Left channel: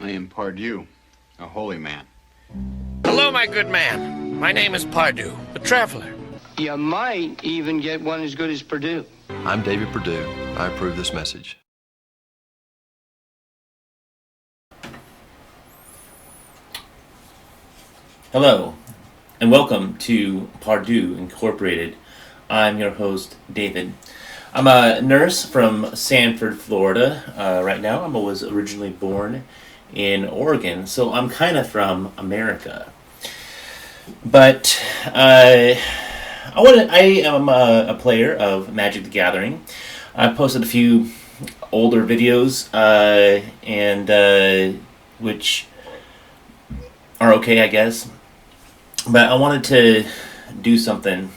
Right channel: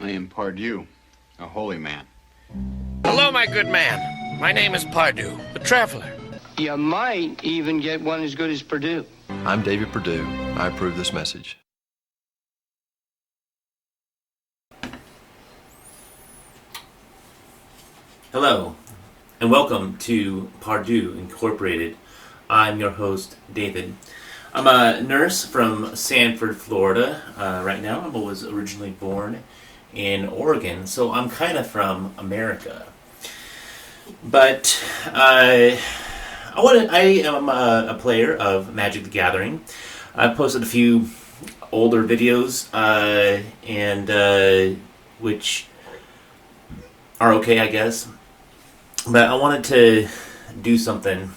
I am Pardieu, a holy man. Hello, my good man. My name is Pardieu, the traveler. You might even get one as good as Purdue. I'm David Perdue. I approve this message. Hello, and welcome to Pardieu Incorporated. I'm your host, David. I'm a nurse from Sanford, Florida. Right now, I was originally born in Oregon, so I'm kind of from America. But I am a player of Magic the Gathering. I posted a few older videos, which are okay, I guess. But I wanted to do something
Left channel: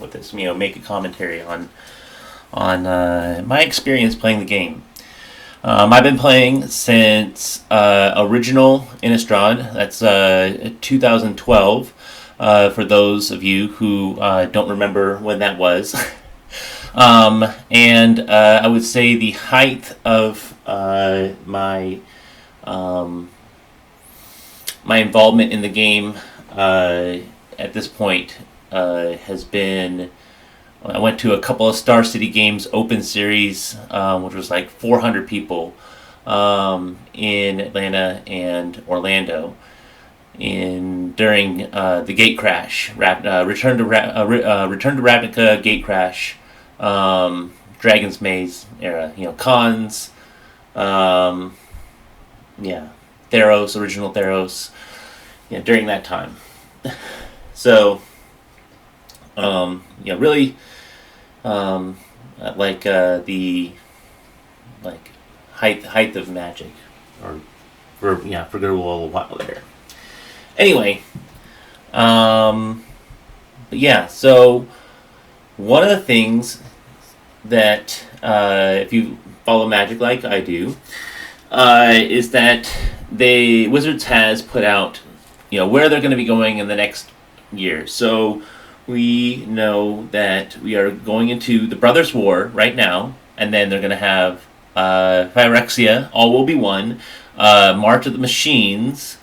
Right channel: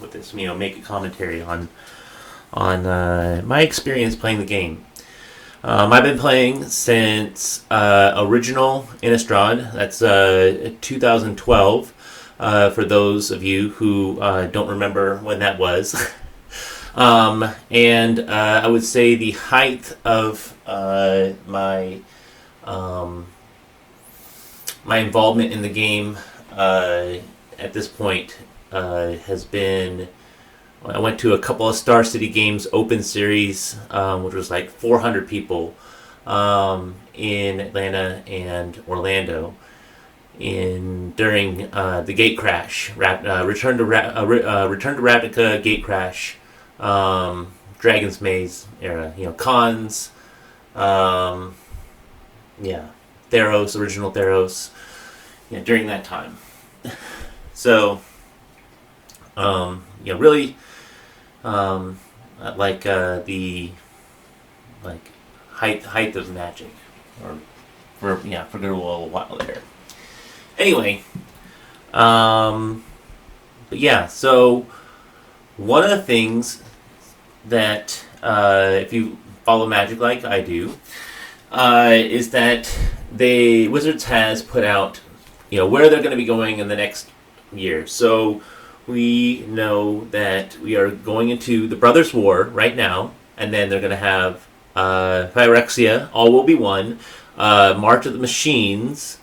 with this, make a commentary on my experience playing the game. I've been playing since original Innistrad. That's 2012. For those of you who don't remember when that was. And I would say the height of my involvement in the game at this point has been, I went to a couple of Star City Games Open Series, which was like 400 people in Atlanta and Orlando during the gate crash, Return to Ravnica gate crash, Dragon's Maze era, cons, Theros, original Theros, during that time. So, really, the height of Magic, or for a little while there. Anyway, so one of the things that if you follow Magic like I do, is that Wizards has put out where they're going to be going in the next year. So we know that we are going into the Brothers' War right now, and then they're going to have Phyrexia, All Will Be One, March of the Machines,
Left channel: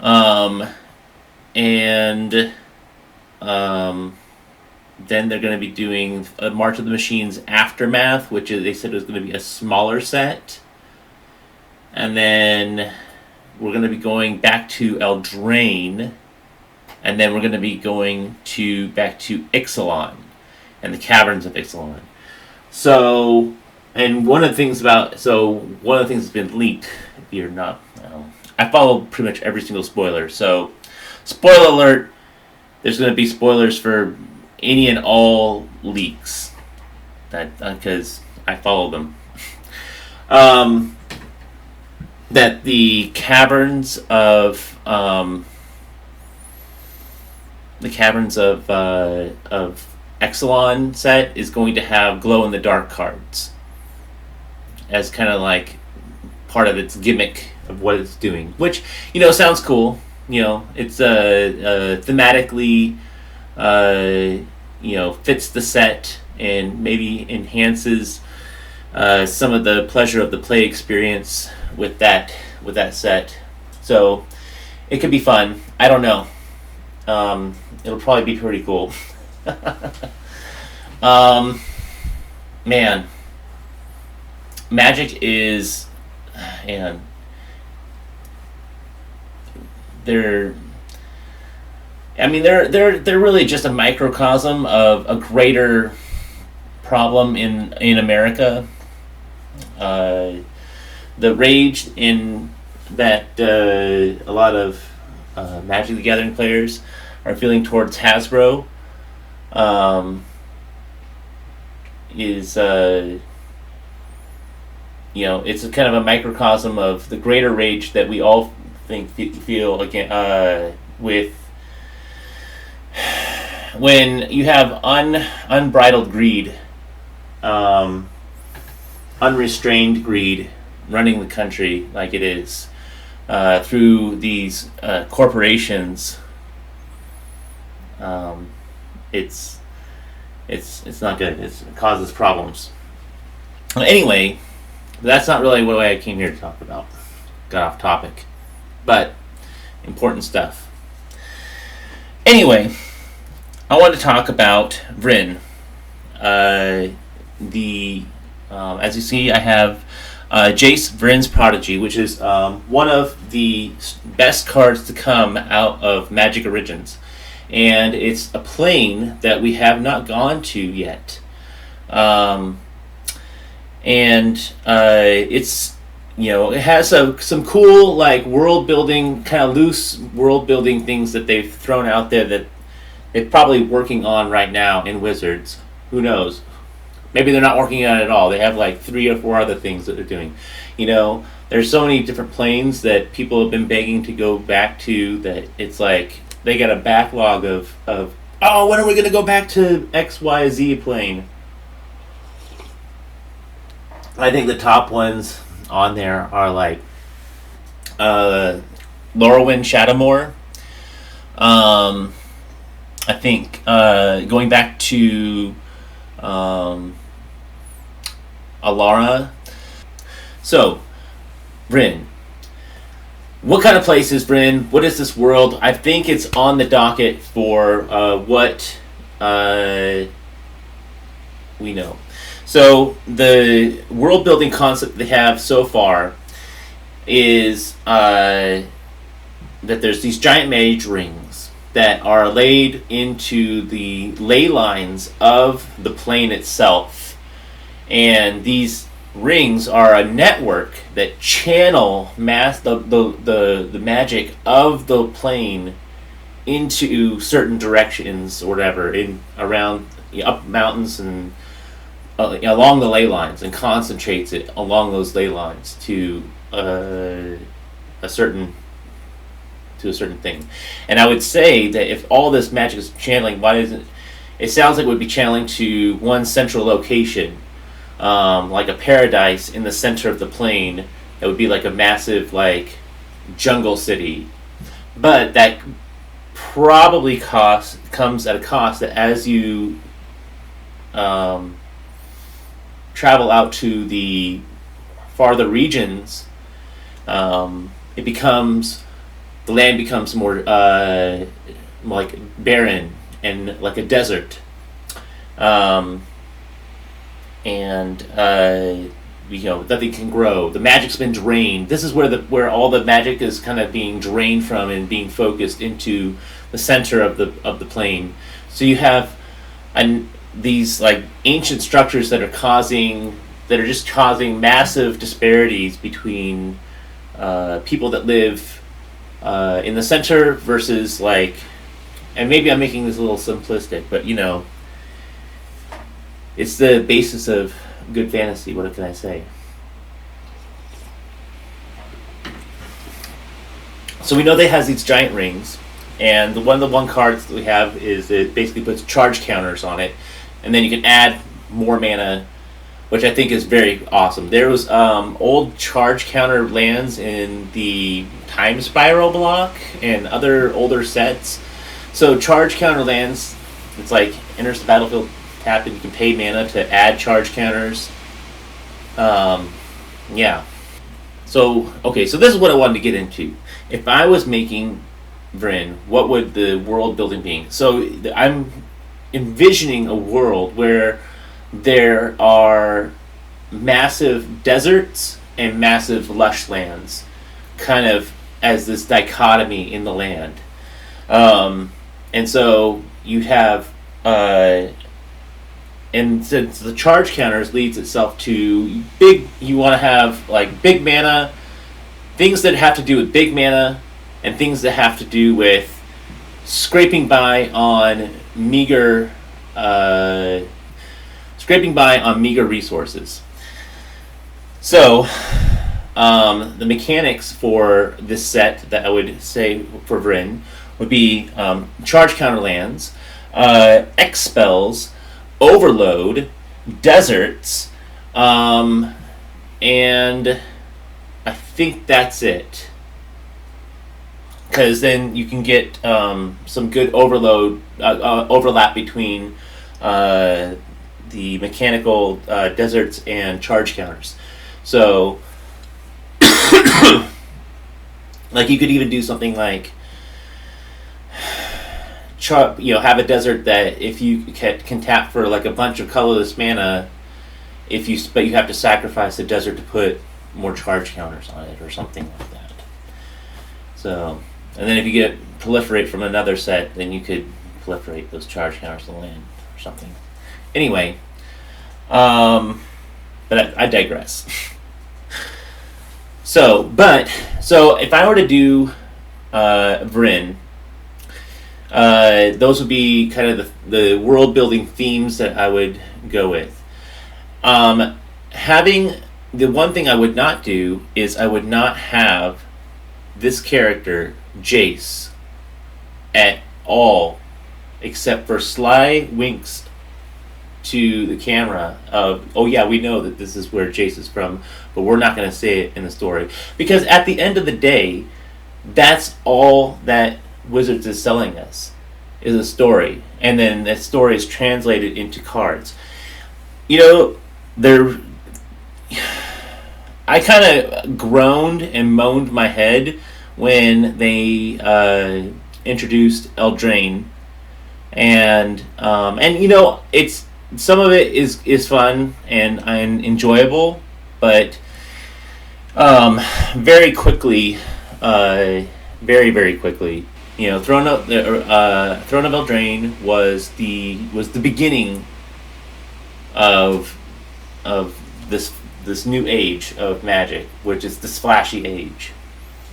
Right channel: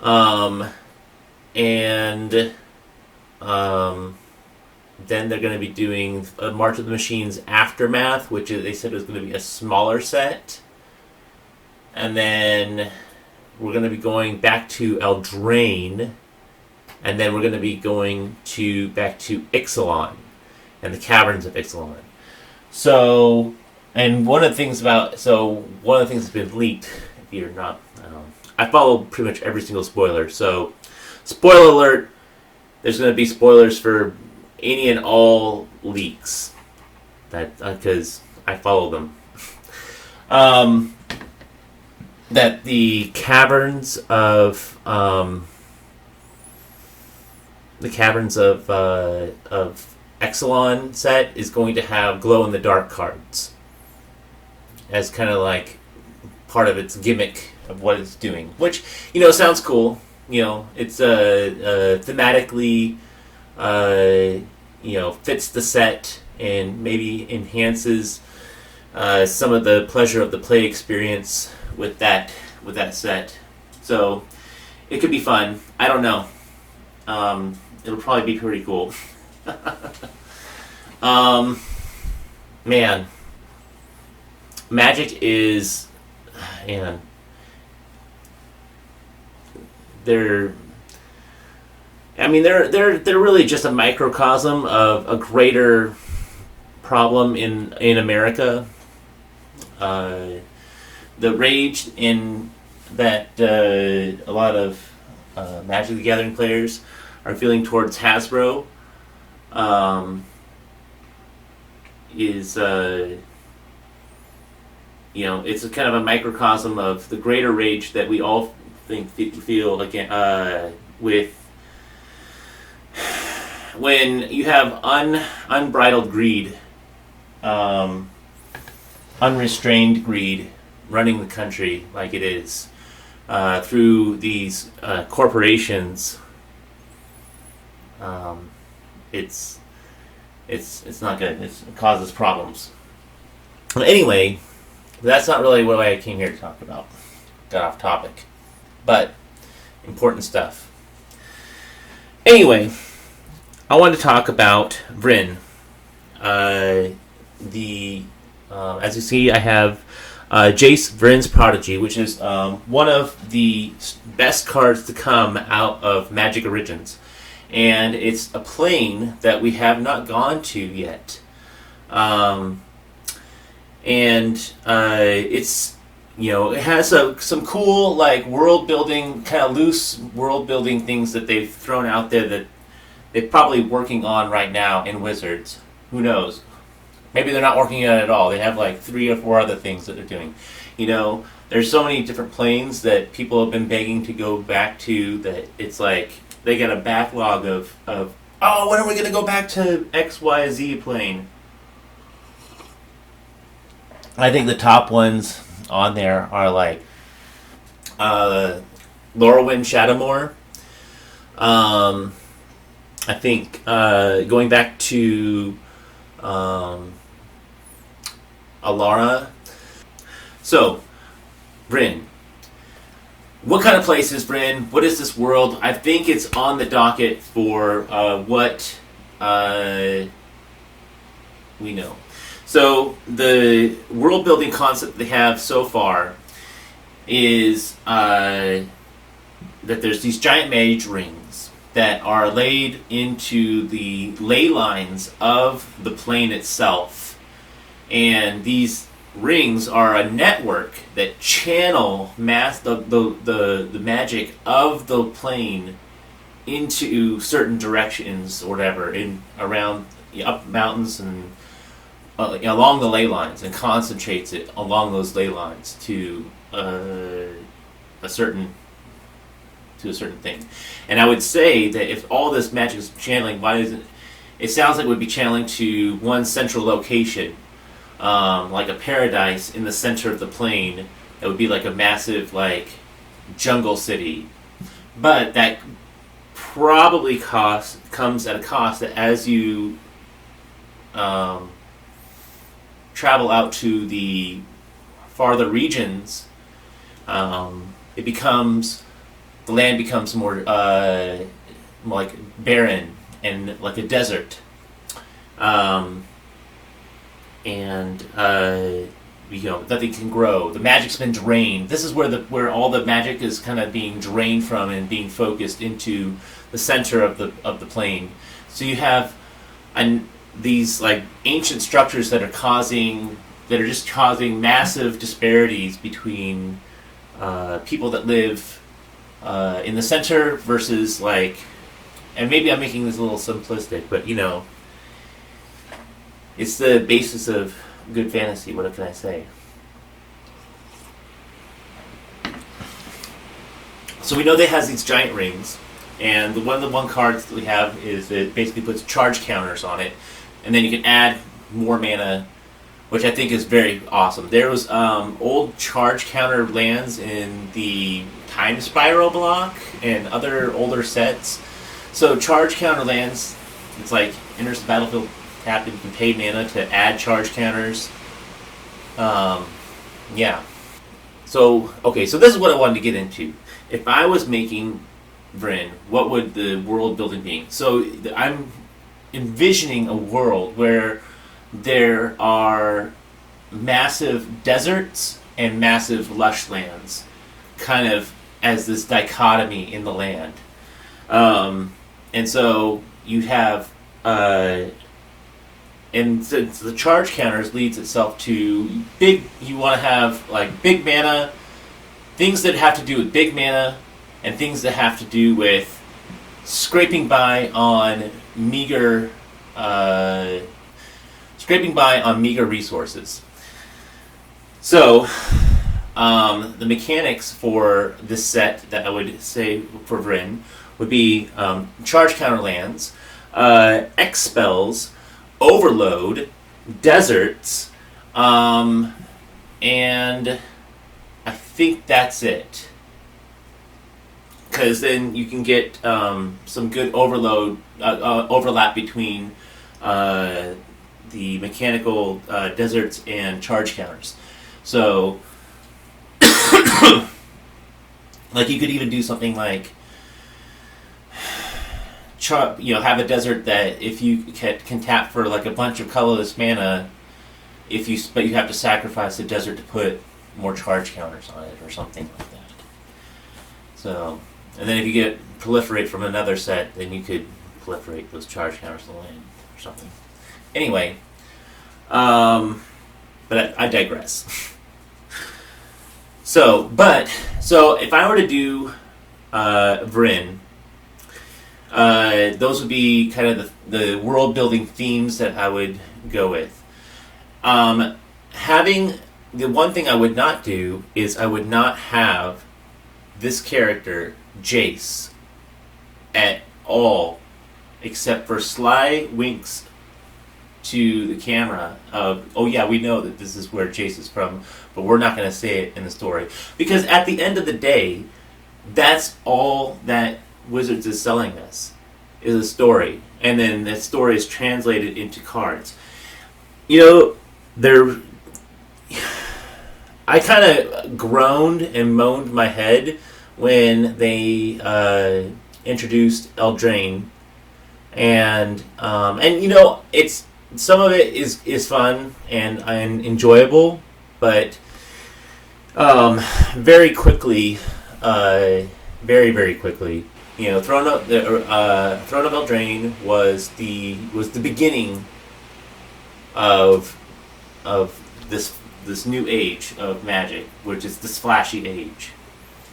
then they're going to be doing March of the Machines Aftermath, which they said was going to be a smaller set. And then we're going to be going back to Eldraine, and then we're going to be going back to Ixalan and the Caverns of Ixalan. So, one of the things that's been leaked, if you're not, I follow pretty much every single spoiler. So, spoiler alert, there's going to be spoilers for any and all leaks, because I follow them. That the Caverns of Ixalan set is going to have glow-in-the-dark cards as kind of like part of its gimmick of what it's doing, which sounds cool. It's thematically fits the set and maybe enhances some of the pleasure of the play experience with that set. So it could be fun. I don't know. It'll probably be pretty cool. Man, Magic is, they're really just a microcosm of a greater problem in America. The rage in that a lot of Magic the Gathering players are feeling towards Hasbro is it's a kind of a microcosm of the greater rage that we all feel again with when you have unbridled greed, unrestrained greed running the country like it is through these corporations. It's not good. It causes problems. Well, anyway, that's not really what I came here to talk about. got off topic. But important stuff. Anyway, I want to talk about Vryn. As you see, I have Jace Vryn's Prodigy, which is one of the best cards to come out of Magic Origins. And it's a plane that we have not gone to yet. It's, it has some cool, like, world building, kind of loose world building things that they've thrown out there that they're probably working on right now in Wizards. Who knows? Maybe they're not working on it at all. They have like 3 or 4 other things that they're doing. There's so many different planes that people have been begging to go back to that it's like they got a backlog of when are we going to go back to XYZ plane? I think the top ones on there are like Lorwyn Shadowmoor. I think going back to Alara. So, Vryn. What kind of place is Vryn? What is this world? I think it's on the docket for what we know. So, the world building concept they have so far is that there's these giant mage rings that are laid into the ley lines of the plane itself. And these rings are a network that channel the magic of the plane into certain directions or whatever, up mountains and along the ley lines, and concentrates it along those ley lines to a certain thing. And I would say that if all this magic is channeling, why isn't it sounds like it would be channeling to one central location, like a paradise in the center of the plane. That would be like a massive, like, jungle city. But that probably comes at a cost that as you travel out to the farther regions, the land becomes more like barren and like a desert. Nothing can grow. The magic's been drained. This is where all the magic is kind of being drained from and being focused into the center of the plane. So you have these like ancient structures that are just causing massive disparities between people that live in the center versus like, and maybe I'm making this a little simplistic, but it's the basis of good fantasy. What can I say? So we know they has these giant rings, and the one cards that we have is it basically puts charge counters on it, and then you can add more mana, which I think is very awesome. There was old charge counter lands in the Time Spiral block and other older sets. So charge counter lands, it's like enters the battlefield, tap, and you can pay mana to add charge counters. Yeah. So this is what I wanted to get into. If I was making Vryn, what would the world building be? So I'm envisioning a world where there are massive deserts and massive lush lands, kind of as this dichotomy in the land. And so you have, and since the charge counters leads itself to you want to have like big mana, things that have to do with big mana, and things that have to do with scraping by on meager resources. So, the mechanics for this set that I would say for Vryn would be charge counter lands, X spells, overload, deserts, and I think that's it. Because then you can get some good overlap between the mechanical deserts and charge counters. So Like you could even do something like, have a desert that if you can tap for like a bunch of colorless mana, but you have to sacrifice the desert to put more charge counters on it or something like that. So, and then if you get proliferate from another set, then you could proliferate those charge counters to land or something. Anyway, but I digress. So if I were to do Vryn, those would be kind of the world building themes that I would go with. Having the one thing I would not do is I would not have this character Jace at all, except for sly winks to the camera of, oh yeah, we know that this is where Jace is from, but we're not going to say it in the story, because at the end of the day, that's all that Wizards is selling us, is a story, and then that story is translated into cards. I kind of groaned and moaned my head when they introduced Eldraine, and it's some of it is fun and enjoyable, but very quickly, very quickly, Throne of Eldraine was the beginning of this new age of Magic, which is this flashy age,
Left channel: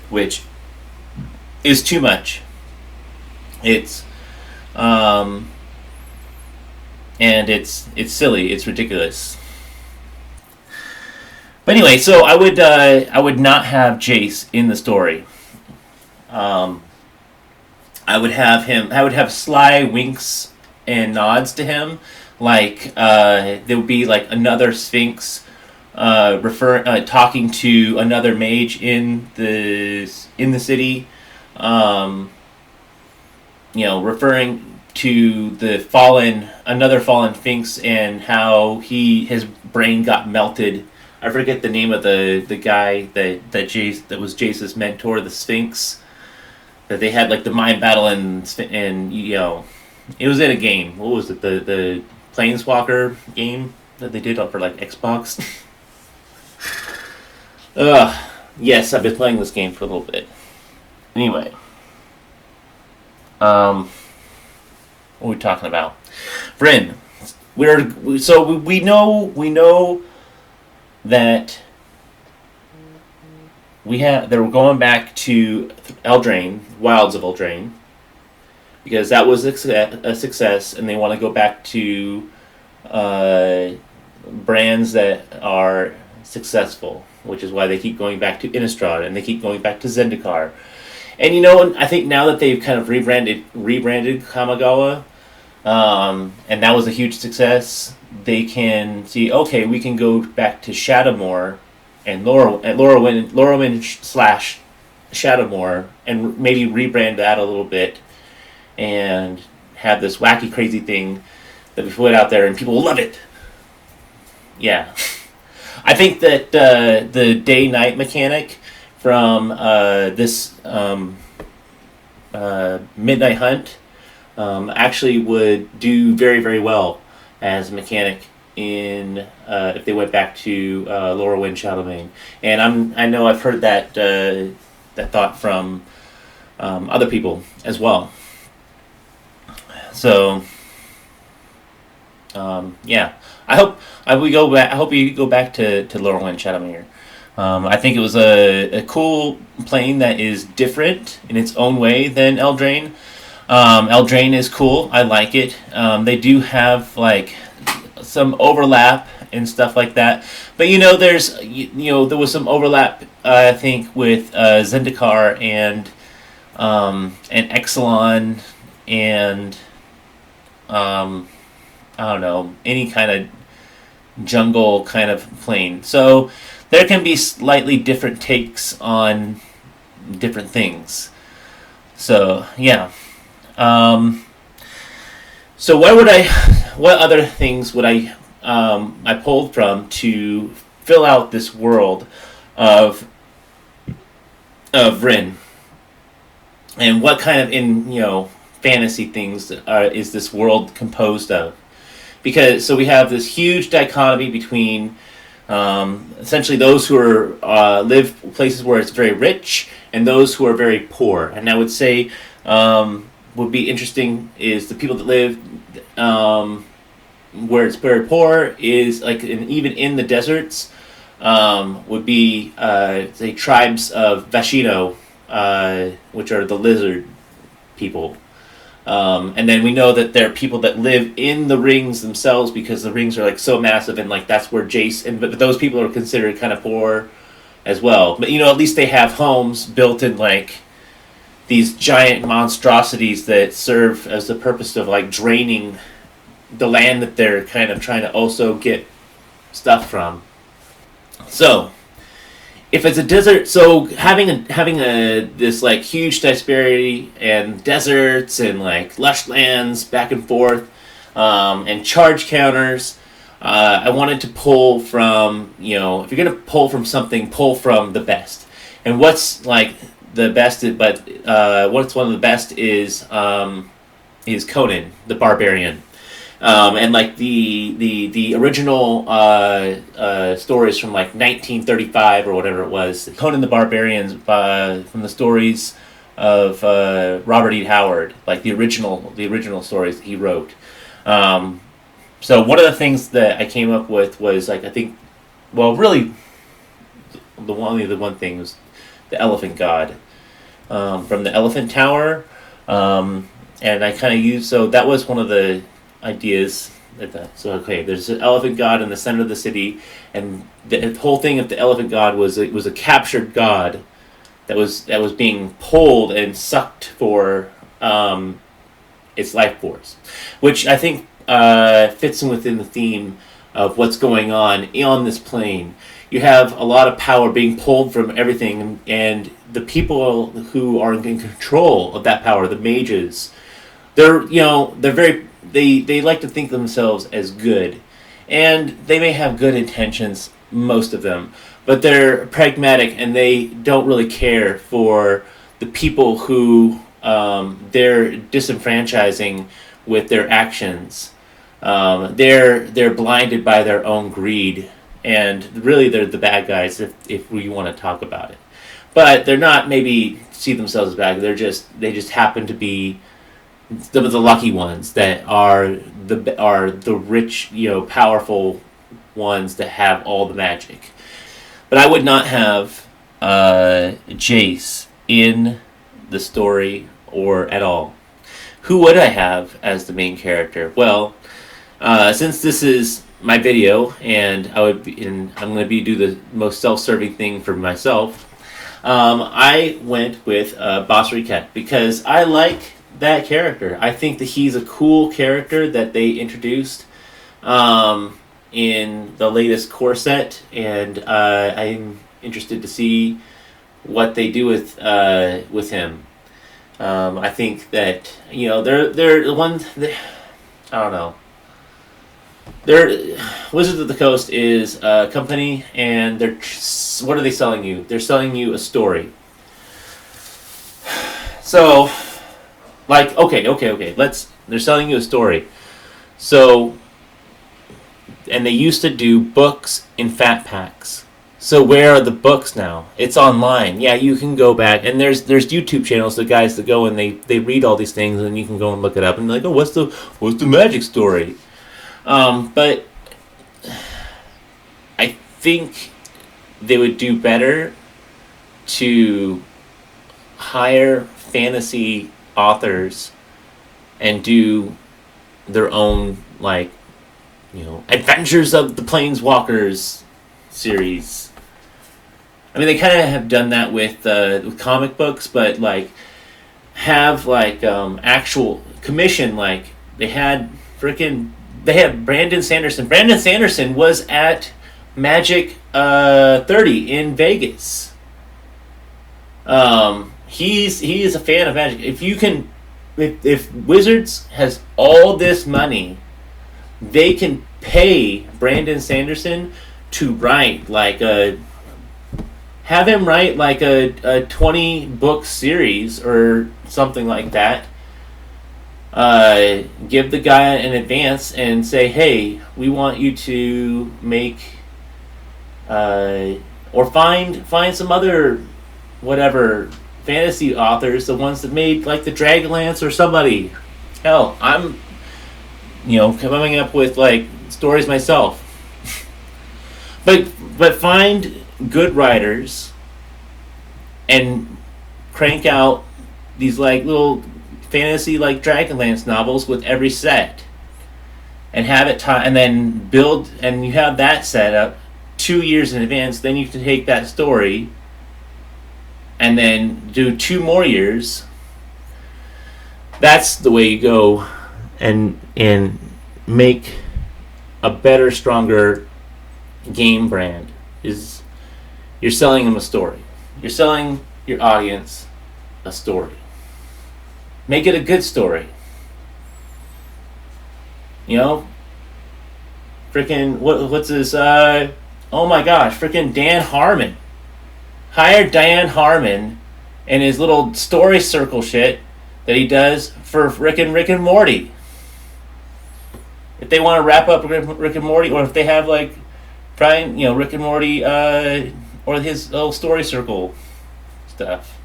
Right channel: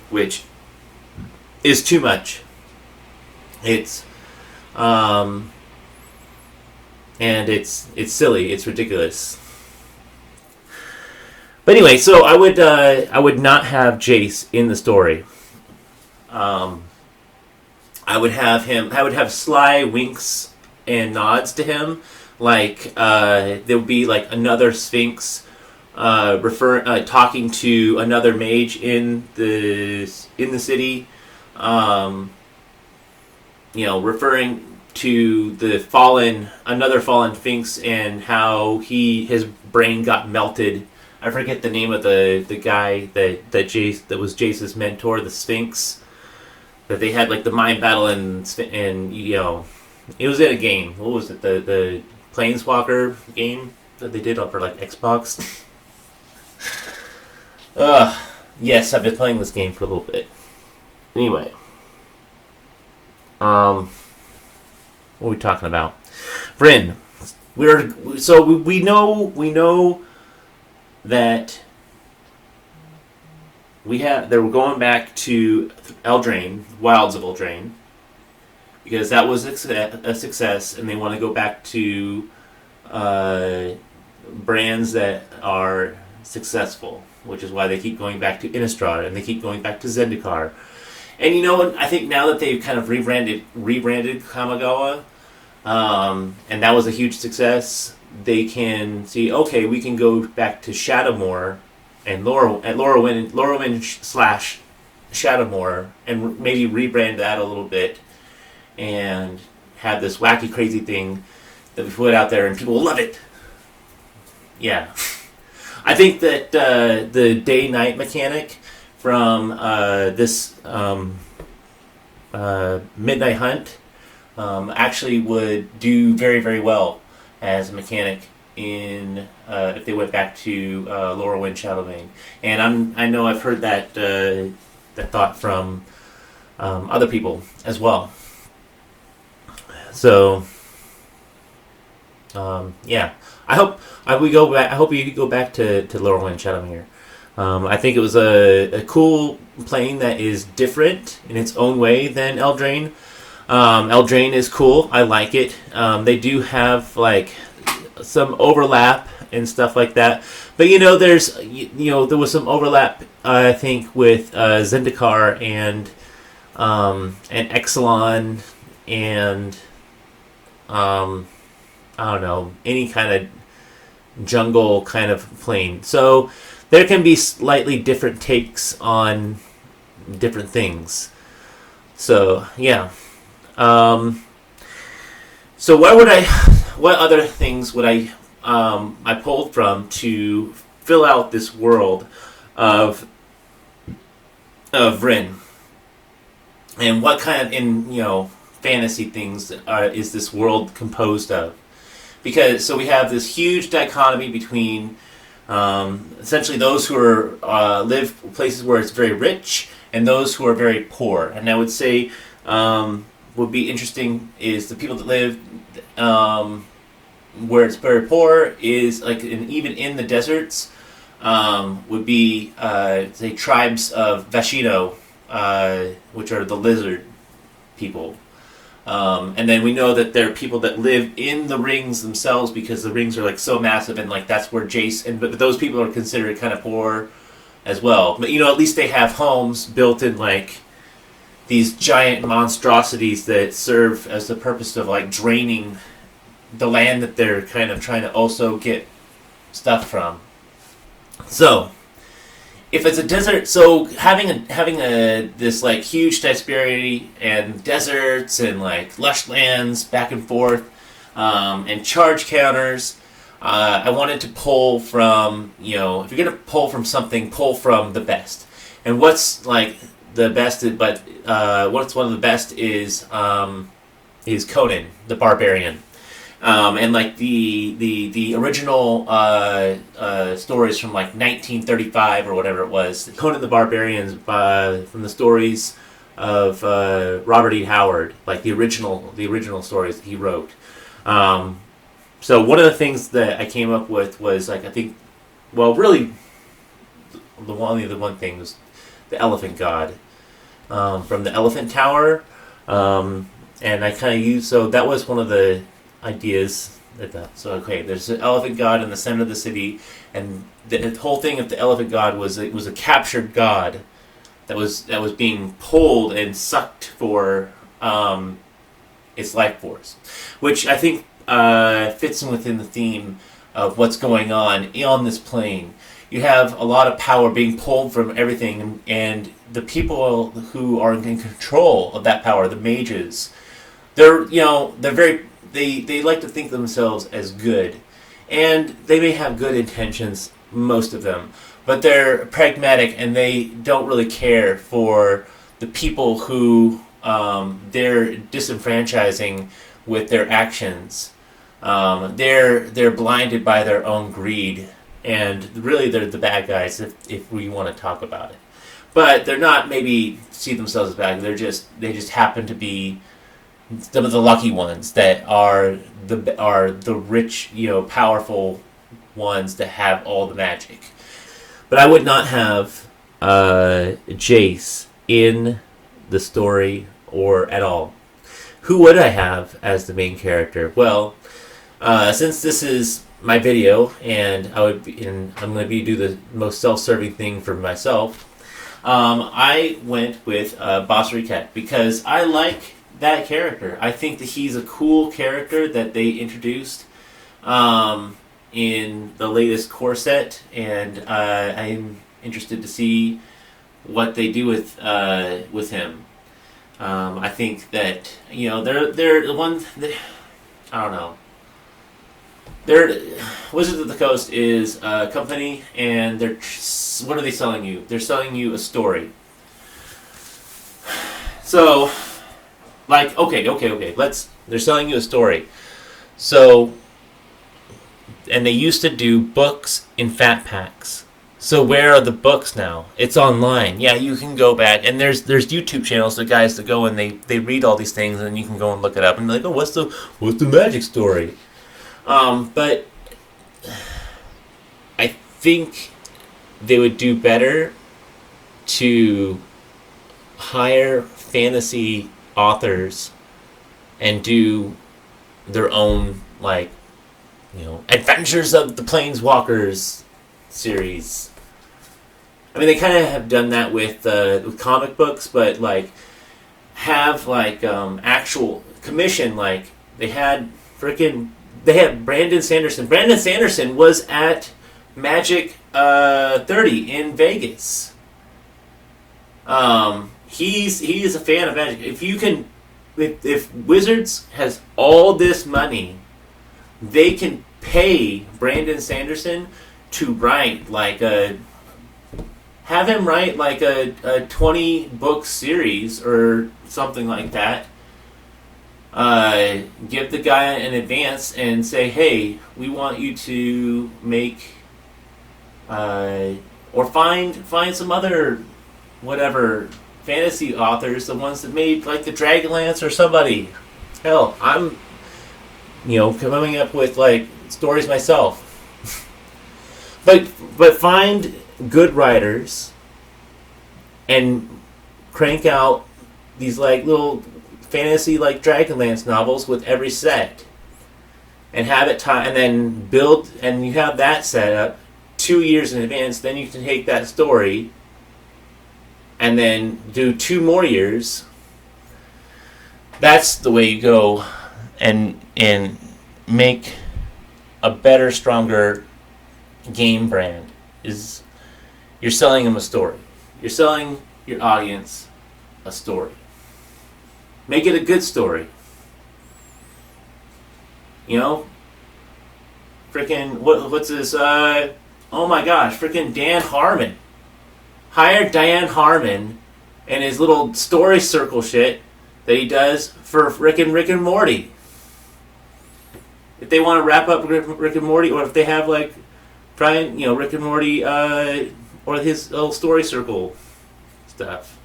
which is too much. It's and it's silly, it's ridiculous. But anyway, so I would not have Jace in the story. I would have sly winks and nods to him, like there would be like another Sphinx talking to another mage in the city, referring to another fallen Sphinx and how his brain got melted. I forget the name of the guy that was Jace's mentor, the Sphinx, that they had like the mind battle and it was in a game. What was it? The Planeswalker game that they did for like Xbox. Yes, I've been playing this game for a little bit. Anyway, what are we talking about? Vryn. We know that they were going back to Eldraine, Wilds of Eldraine, because that was a success, and they want to go back to brands that are successful, which is why they keep going back to Innistrad and they keep going back to Zendikar. And I think now that they've kind of rebranded Kamigawa, and that was a huge success, they can see, okay, we can go back to Shadowmoor and Lorwyn / Shadowmoor, and maybe rebrand that a little bit and have this wacky, crazy thing that we put out there and people will love it. Yeah. I think that the day-night mechanic from this Midnight Hunt actually would do very, very well as a mechanic in if they went back to Lorwyn Shadowbane. And I know I've heard that thought from other people as well. So yeah, I hope we go back. I hope you go back to Lorwyn Shadowbane. I think it was a cool plane that is different in its own way than Eldraine. Eldraine is cool. I like it. They do have like some overlap and stuff like that. But there was some overlap. I think with Zendikar and Exelon and I don't know, any kind of jungle kind of plane. So there can be slightly different takes on different things. So yeah. So what other things would I pulled from to fill out this world of Vryn? and what kind of fantasy things is this world composed of? Because so we have this huge dichotomy between essentially those who are live places where it's very rich and those who are very poor. And I would say would be interesting is the people that live where it's very poor is like even in the deserts would be say tribes of Vashino, which are the lizard people. And then we know that there are people that live in the rings themselves because the rings are like so massive, and like that's where Jace but those people are considered kind of poor as well. But at least they have homes built in like these giant monstrosities that serve as the purpose of like draining the land that they're kind of trying to also get stuff from. So if it's a desert, so having a this like huge disparity and deserts and like lush lands back and forth, and charge counters, I wanted to pull from if you're gonna pull from something, pull from the best. And what's like the best, but what's one of the best is Conan the Barbarian. And like the original stories from like 1935 or whatever it was, Conan the Barbarian from the stories of Robert E. Howard, like the original stories that he wrote. So one of the things that I came up with was like really the one thing was the elephant god from the Elephant Tower, and I kind of used that was one of the ideas like that. So there's an elephant god in the center of the city, and the whole thing of the elephant god was a captured god that was being pulled and sucked for its life force, which I think fits in within the theme of what's going on this plane. You have a lot of power being pulled from everything, and the people who are in control of that power, the mages, they're very. They like to think themselves as good, and they may have good intentions, most of them, but they're pragmatic and they don't really care for the people who they're disenfranchising with their actions. They're blinded by their own greed, and really they're the bad guys if we want to talk about it. But they're not maybe see themselves as bad. They just happen to be some of the lucky ones that are the rich, powerful ones that have all the magic. But I would not have Jace in the story or at all. Who would I have as the main character? Well, since this is my video and I'm going to do the most self-serving thing for myself, I went with Boss Riquette because I like that character. I think that he's a cool character that they introduced in the latest core set, and I'm interested to see what they do with him. I think that they're the ones that, I don't know. Wizards of the Coast is a company, and what are they selling you? They're selling you a story. So, like, okay. They're selling you a story. So, and they used to do books in fat packs. So where are the books now? It's online. Yeah, you can go back, and there's YouTube channels of guys that go and they read all these things, and you can go and look it up and be like, oh, what's the magic story? But I think they would do better to hire fantasy authors and do their own, like, Adventures of the Planeswalkers series. I mean, they kind of have done that with comic books, but like have like actual commission. Like they had Brandon Sanderson. Brandon Sanderson was at Magic 30 in Vegas. He is a fan of Magic. If Wizards has all this money, they can pay Brandon Sanderson to write like a have him write like a 20 book series or something like that. Give the guy an advance and say, hey, we want you to make, or find some other, whatever, fantasy authors, the ones that made like the Dragonlance or somebody. Hell, I'm, coming up with like stories myself. But find good writers and crank out these like little fantasy like Dragonlance novels with every set, and have it and then build, and you have that set up 2 years in advance. Then you can take that story and then do 2 more years. That's the way you go and make a better, stronger game brand. Is you're selling them a story. You're selling your audience a story. Make it a good story. Freaking what's this? Oh my gosh! Freaking Dan Harmon. Hire Dan Harmon and his little story circle shit that he does for Rick and Morty. If they want to wrap up Rick and Morty, or if they have like trying, Rick and Morty, or his little story circle stuff.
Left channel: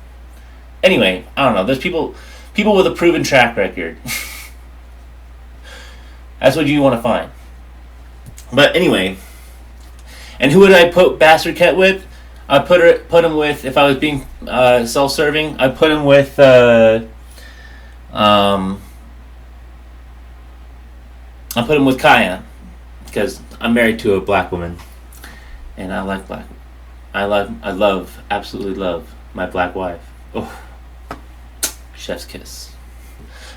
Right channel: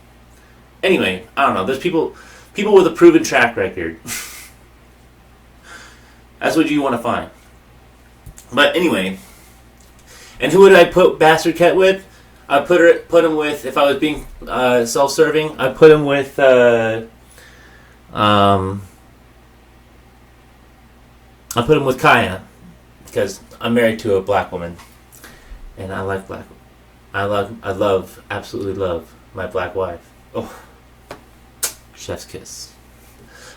Anyway, I don't know. There's people with a proven track record. That's what you want to find. But anyway, and who would I put Bastard Cat with? I put him with, if I was being self-serving, I put him with Kaya, because I'm married to a black woman, and I like black. Absolutely love my black wife. Oh, chef's kiss.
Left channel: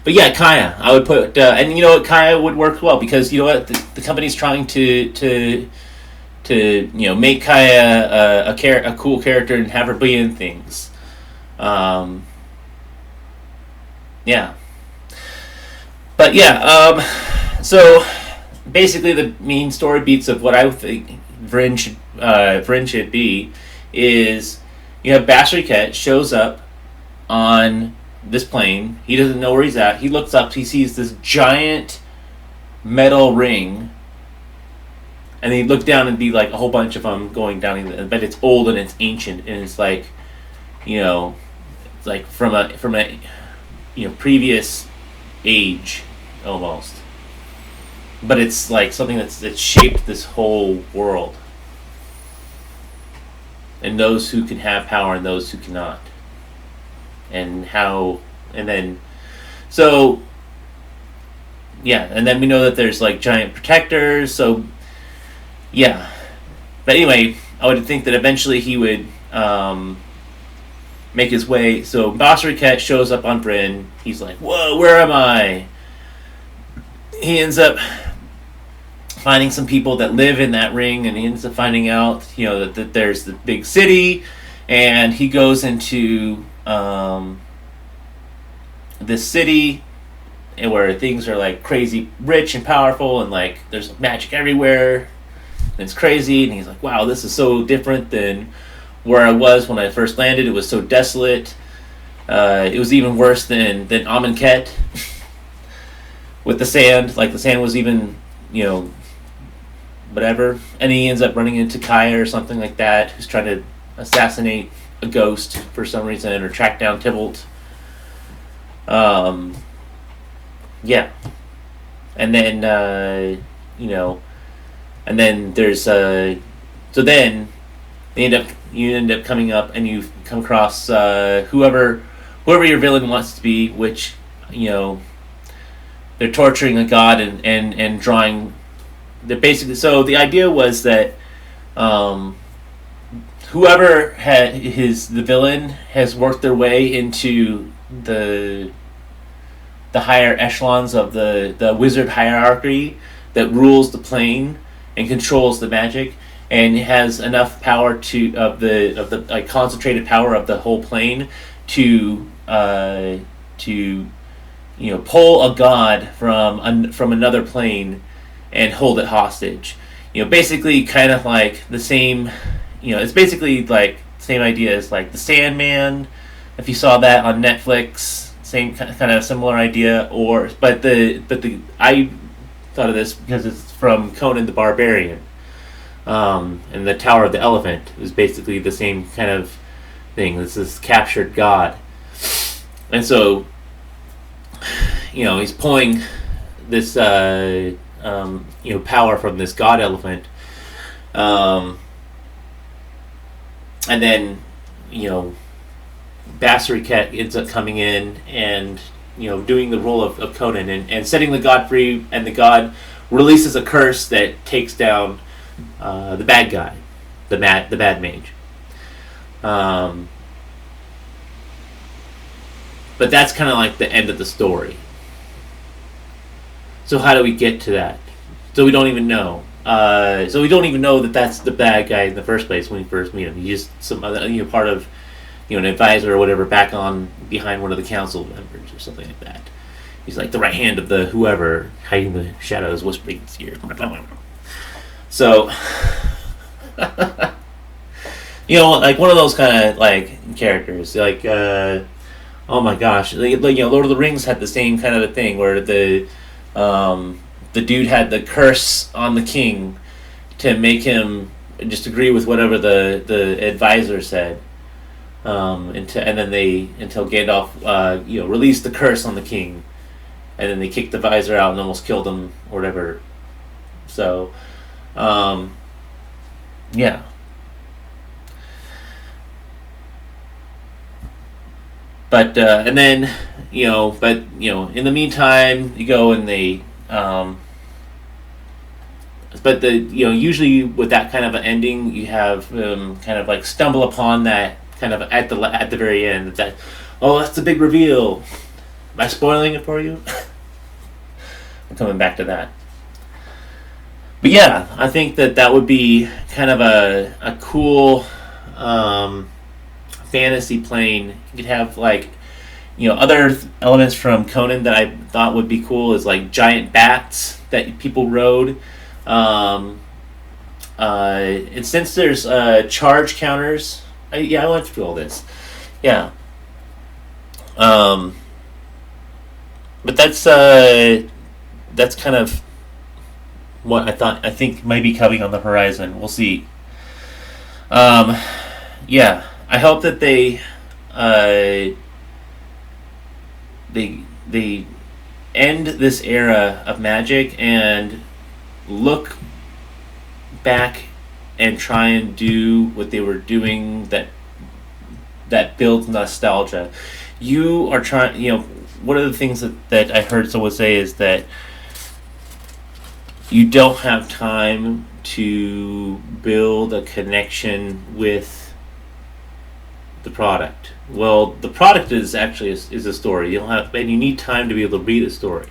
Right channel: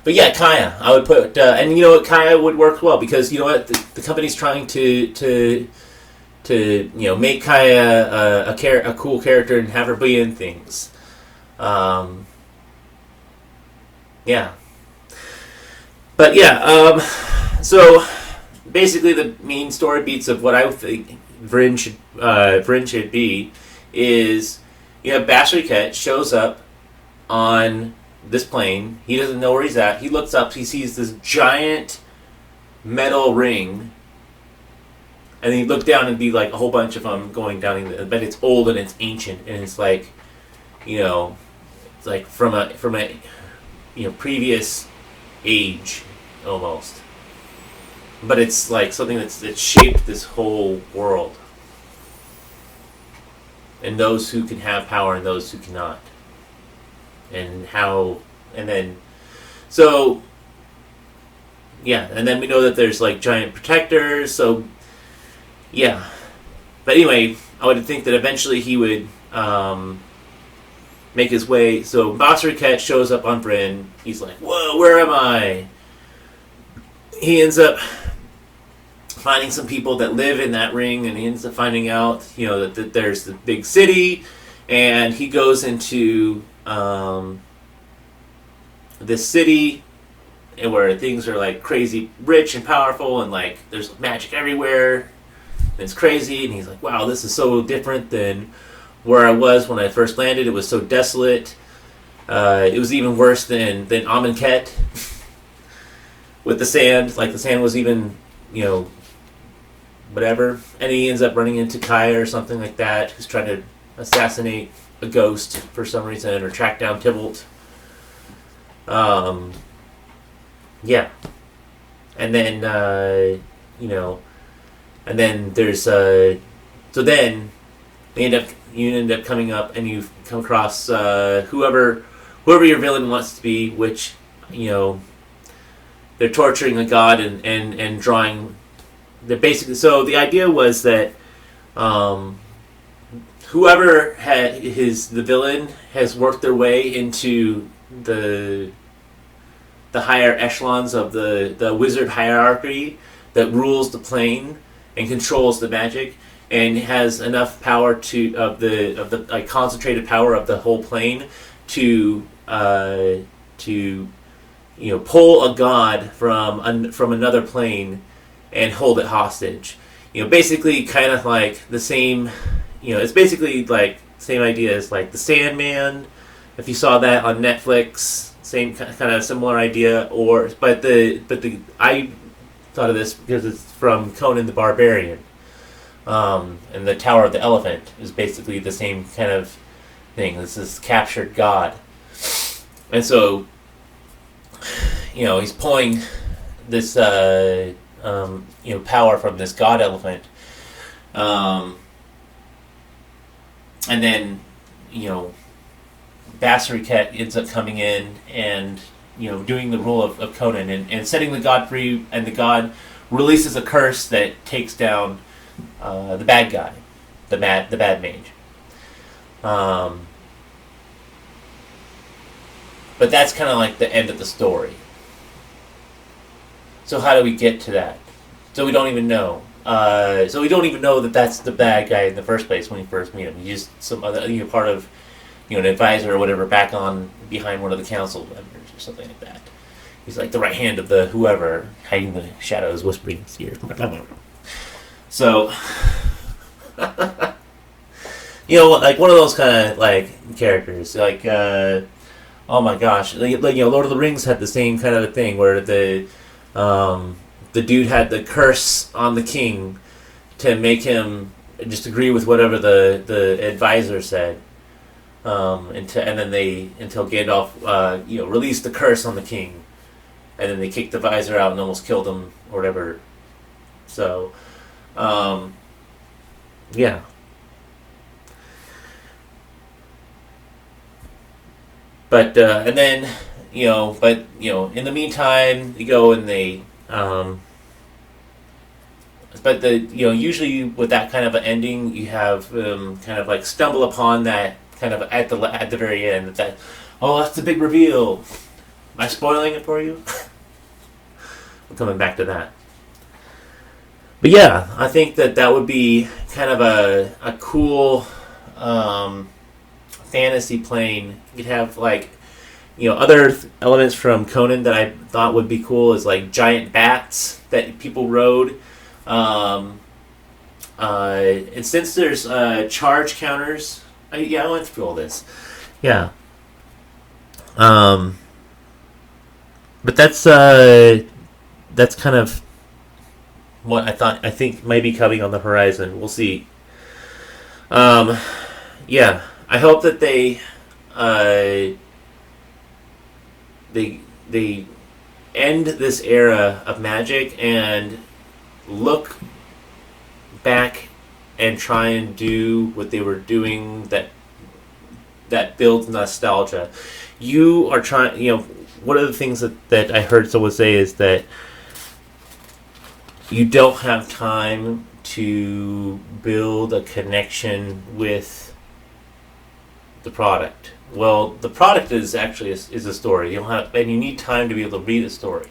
But yeah, Kaya, I would put, and you know what, Kaya would work well, because you know what, the company's trying to make Kaya a cool character and have her be in things. Yeah. But yeah, so basically the main story beats of what I think Vryn should be is, Bastard Cat shows up on this plane. He doesn't know where he's at. He looks up. He sees this giant metal ring, and then he looked down and be like a whole bunch of them going down. But it's old and it's ancient, and it's like, it's like from a previous age almost. But it's like something that shaped this whole world, and those who can have power and those who cannot. And then we know that there's like giant protectors, so yeah. But anyway, I would think that eventually he would make his way. So Bastard Cat shows up on Vryn. He's like, whoa, where am I? He ends up finding some people that live in that ring, and he ends up finding out, that there's the big city, and he goes into this city where things are like crazy rich and powerful, and like there's magic everywhere, and it's crazy, and he's like, wow, this is so different than where I was when I first landed. It was so desolate. It was even worse than Amonkhet with the sand. Like the sand was even, whatever. And he ends up running into Kaya or something like that, who's trying to assassinate a ghost for some reason, or track down Tybalt. Yeah. And then, and then there's, so then you end up coming up and you come across, whoever your villain wants to be, which, they're torturing a god and drawing. They're basically, so the idea was that whoever the villain has worked their way into the higher echelons of the wizard hierarchy that rules the plane and controls the magic, and has enough power of the concentrated power of the whole plane to pull a god from another plane and hold it hostage. Basically kind of like the same, it's basically like same idea as like the Sandman. If you saw that on Netflix, same kind of similar idea. But I thought of this because it's from Conan the Barbarian, and the Tower of the Elephant is basically the same kind of thing. This is captured god, and so he's pulling this power from this god elephant, and then Bassarit ends up coming in and doing the role of Conan and setting the god free, and the god releases a curse that takes down the bad guy, the bad mage. But that's kind of like the end of the story. So how do we get to that? So we don't even know. So we don't even know that that's the bad guy in the first place when we first meet him. He's just some other, part of, an advisor or whatever back on behind one of the council members or something like that. He's like the right hand of the whoever, hiding the shadows, whispering in his ear. So, like one of those kind of like characters, like oh my gosh, Lord of the Rings had the same kind of a thing where the dude had the curse on the king to make him just agree with whatever the advisor said, until Gandalf released the curse on the king, and then they kicked the visor out and almost killed him or whatever. So, yeah. But and then in the meantime, you go and they but usually with that kind of an ending, you have kind of like stumble upon that kind of at the very end. That that's the big reveal. Am I spoiling it for you? I'm coming back to that. But yeah, I think that would be kind of a cool fantasy plane. You could have like other elements from Conan that I thought would be cool is like giant bats that people rode. And since there's charge counters, I went through all this. Yeah. But that's kind of what I think might be coming on the horizon. We'll see. Yeah, I hope that they end this era of magic and look back and try and do what they were doing that builds nostalgia. You are trying, one of the things that I heard someone say is that you don't have time to build a connection with the product. Well, the product is actually is a story. And you need time to be able to read a story.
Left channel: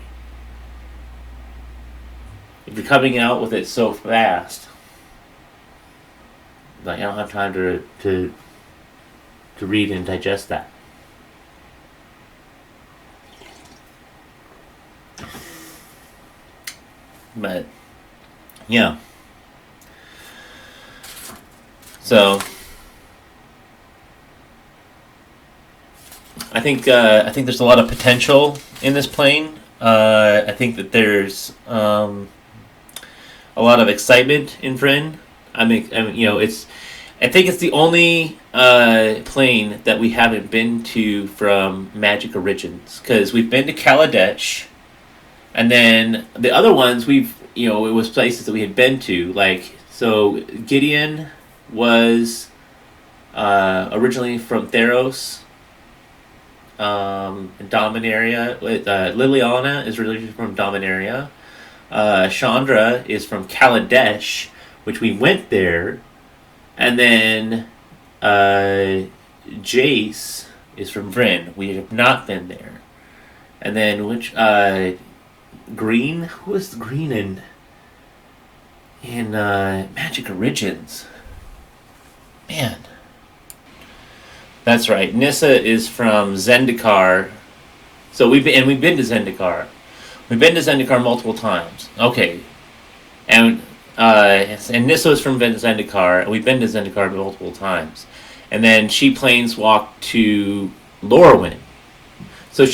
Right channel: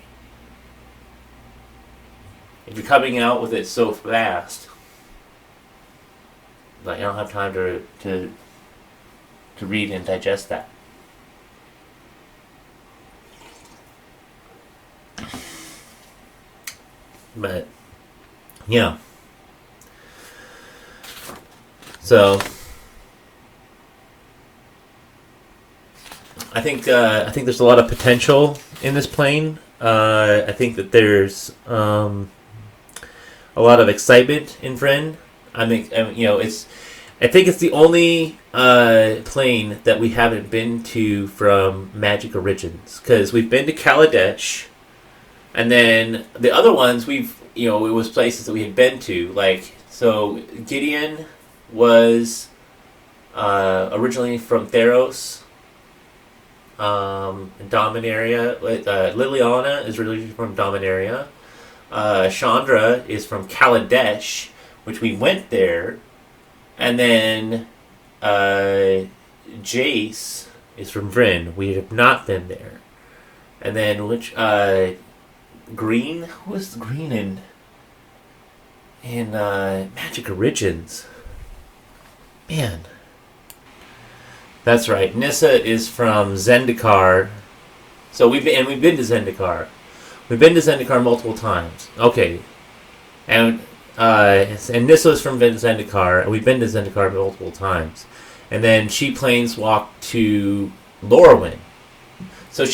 If you're coming out with it so fast, like I don't have time to read and digest that. But yeah. So I think there's a lot of potential in this plane. I think that there's a lot of excitement in Vryn. I think it's the only plane that we haven't been to from Magic Origins, because we've been to Kaladesh, and then the other ones it was places that we had been to, like, so Gideon was originally from Theros. Dominaria. Liliana is really from Dominaria. Chandra is from Kaladesh, which we went there, and then Jace is from Vryn. We have not been there. And then Green? Who was Green in Magic Origins? Man. That's right. Nissa is from Zendikar. So we've been to Zendikar. We've been to Zendikar multiple times. Okay. And Nissa is from Zendikar, and we've been to Zendikar multiple times. and then she planeswalked to Lorwyn. So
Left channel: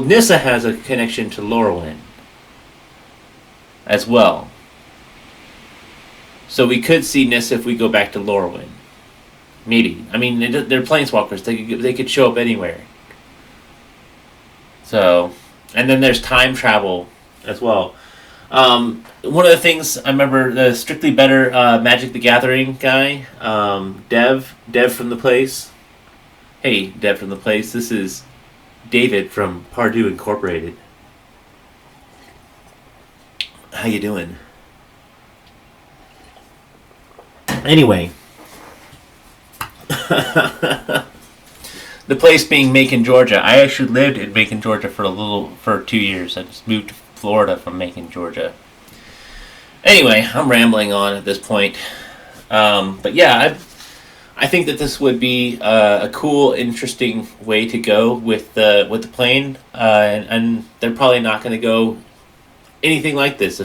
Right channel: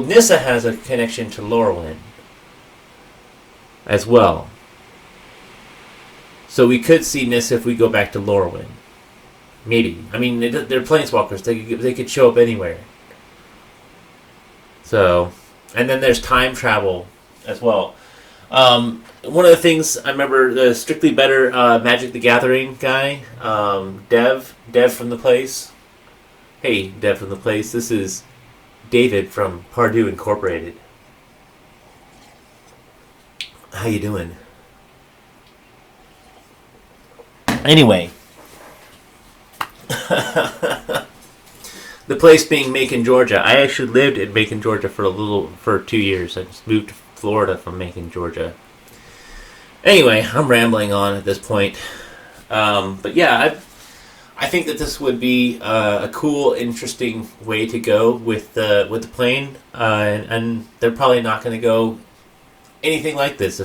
Nissa has a connection to Lorwyn as well. So we could see Nissa if we go back to Lorwyn. Maybe. I mean, they're planeswalkers. They could show up anywhere. So, and then there's time travel as well. One of the things I remember, the Strictly Better Magic the Gathering guy, Dev from the place. Hey, Dev from the place. This is David from Pardue Incorporated. How you doing? Anyway, the place being Macon, Georgia. I actually lived in Macon, Georgia for 2 years. I just moved to Florida from Macon, Georgia. Anyway, I'm rambling on at this point. But yeah, I think that this would be a cool, interesting way to go with the plane, and they're probably not going to go anything like this.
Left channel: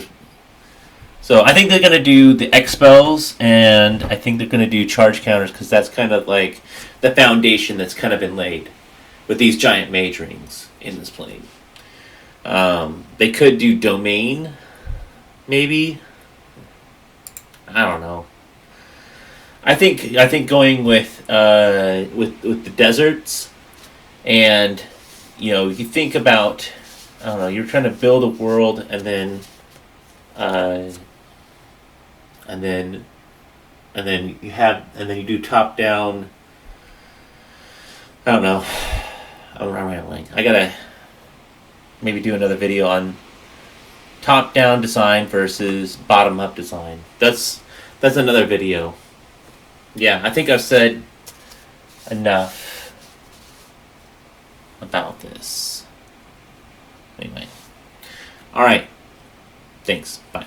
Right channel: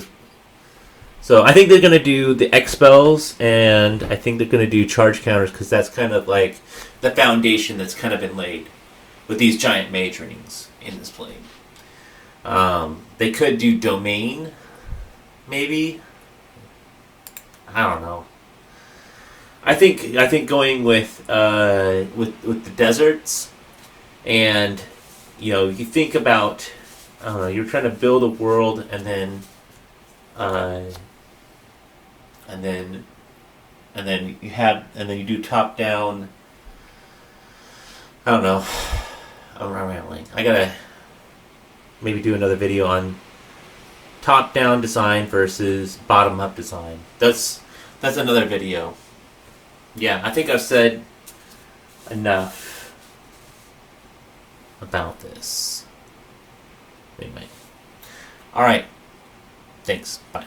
So I think they're going to do the expels, and I think they're going to do charge counters, because that's kind of like the foundation that's kind of been laid with these giant mage rings in this plane. They could do domain, maybe. I don't know. I think going with the deserts, and you think about, I don't know, you're trying to build a world, and then you do top down. I don't know. I'm rambling. I gotta maybe do another video on top down design versus bottom up design. That's another video. Yeah, I think I've said enough about this. Anyway. Alright. Thanks. Bye.